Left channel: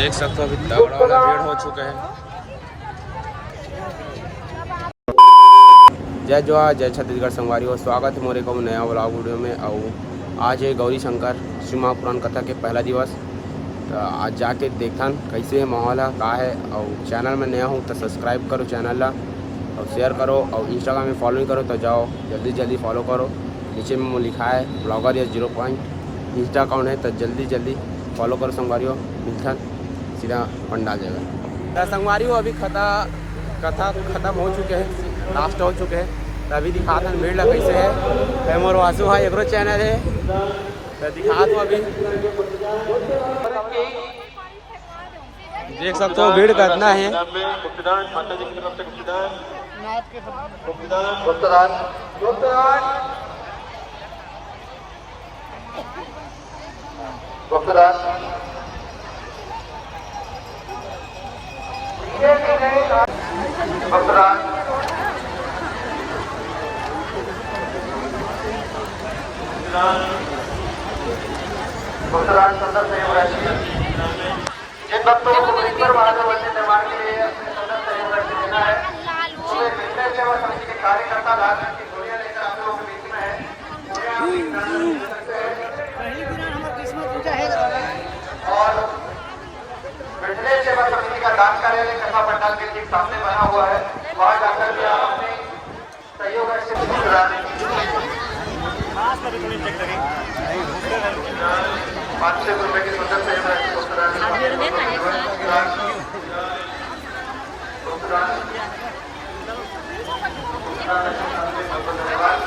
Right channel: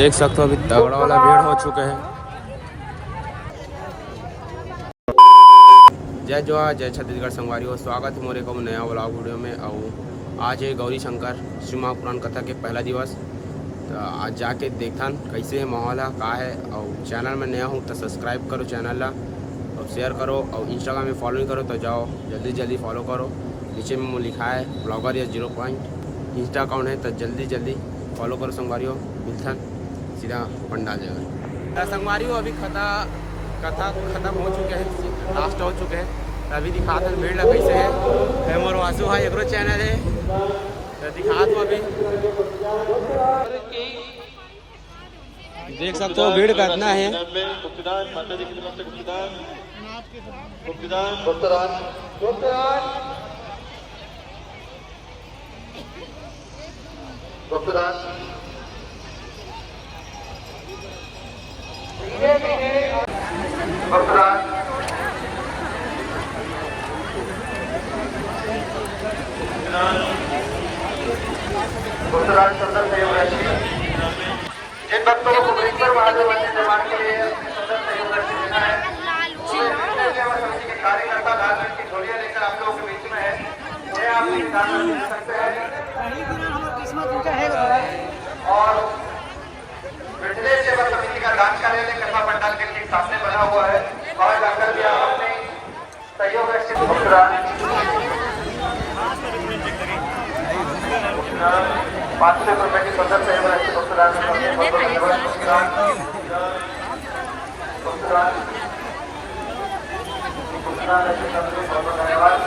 देख सकते हो अभी तगड़ा वाला भीड़ हो चुके हैं। जय जवाहर जय छत्तीसगढ़ संगवारी स्वागत है मोरे को नया व्लॉग वीडियो में। और आज है गौरी शंकर शिव पुराण कथा के पहला दिवस। तो आज जाके देखन कैसे है माहौल है का है। और चैनल में नया हूँ तो सब्सक्राइब करो चैनल ला और शेयर करो और इंस्टाग्राम में फॉलो करो तो जाओ जल्दी जल्दी फॉलो करो। नीचे में लिखा है ब्लॉगर या 0 पॉइंट इंस्टा अकाउंट है तो जल्दी जल्दी फॉलो करो संगवारियों। मिलथन सीधा पंडाल जगह संगवारियों। अभी कथा खत्म हो चुके हैं, लास्ट हो चुके हैं। तो अभी दिखाते हैं भीड़ कैसे है। मोर वासु भाई एग्रो चैनल है तो दिखा दो। अभी देख सकते हो भीड़ कितना है। माता जी की तरफ से जिन भक्तों को कुबेश्वर महादेव मंदिर निर्माण के लिए सहयोग राशि देना है, कार्यकर्ता लाल रंग की झोलियां लेकर आप लोगों के बीच में है। और मिथिलेश सेवा समिति का दान कार्यालय कथा पंडाल के ठीक सामने बना हुआ है, वहां जाकर भी आप अपने सहयोग राशि 500 रुपए की स्वतंत्र सहयोग राशि भुगतान धन्यवाद।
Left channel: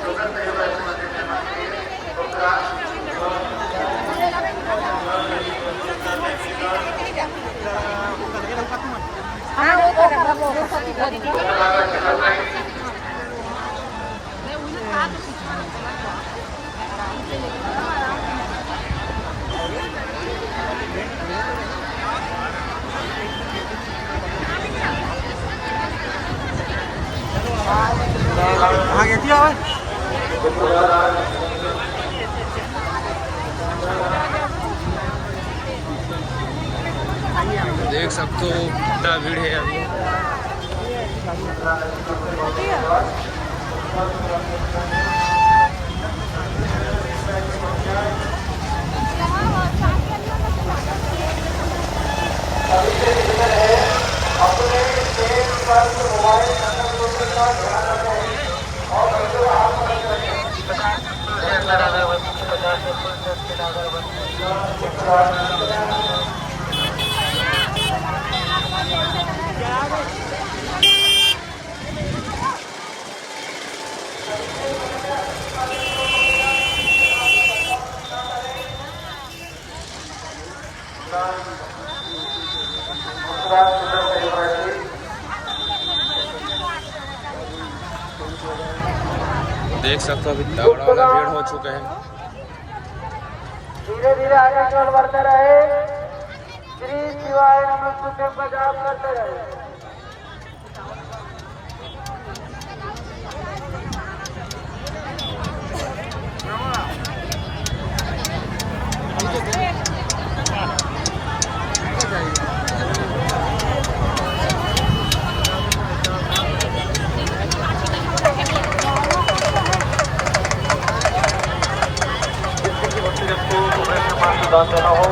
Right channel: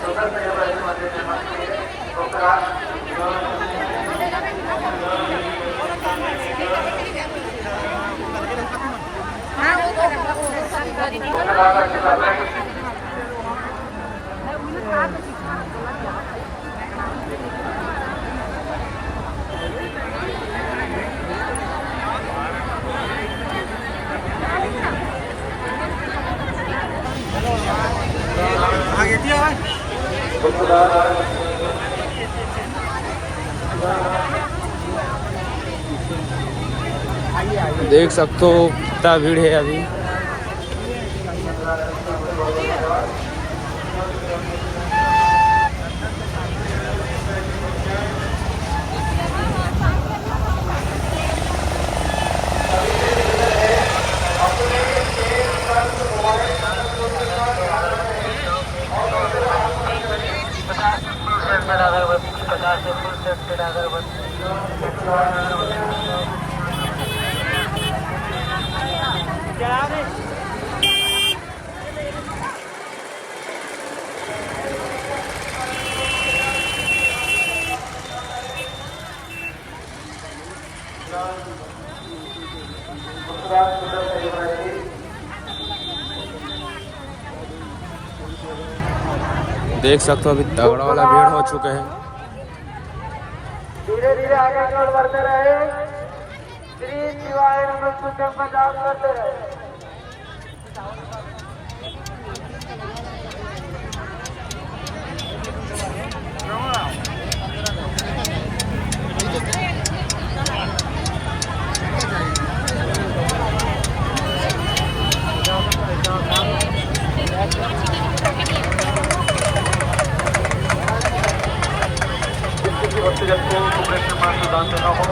स्वतंत्र सहयोग राशि मंदिर से देख सकते हो कितना भीड़ है अभी। देख सकते हो अभी तगड़ा वाला भीड़ हो चुके हैं। धीरे धीरे आगे चल बढ़ते रहे। श्री शिवाय नमः का जाप करते रहे। दान देना हो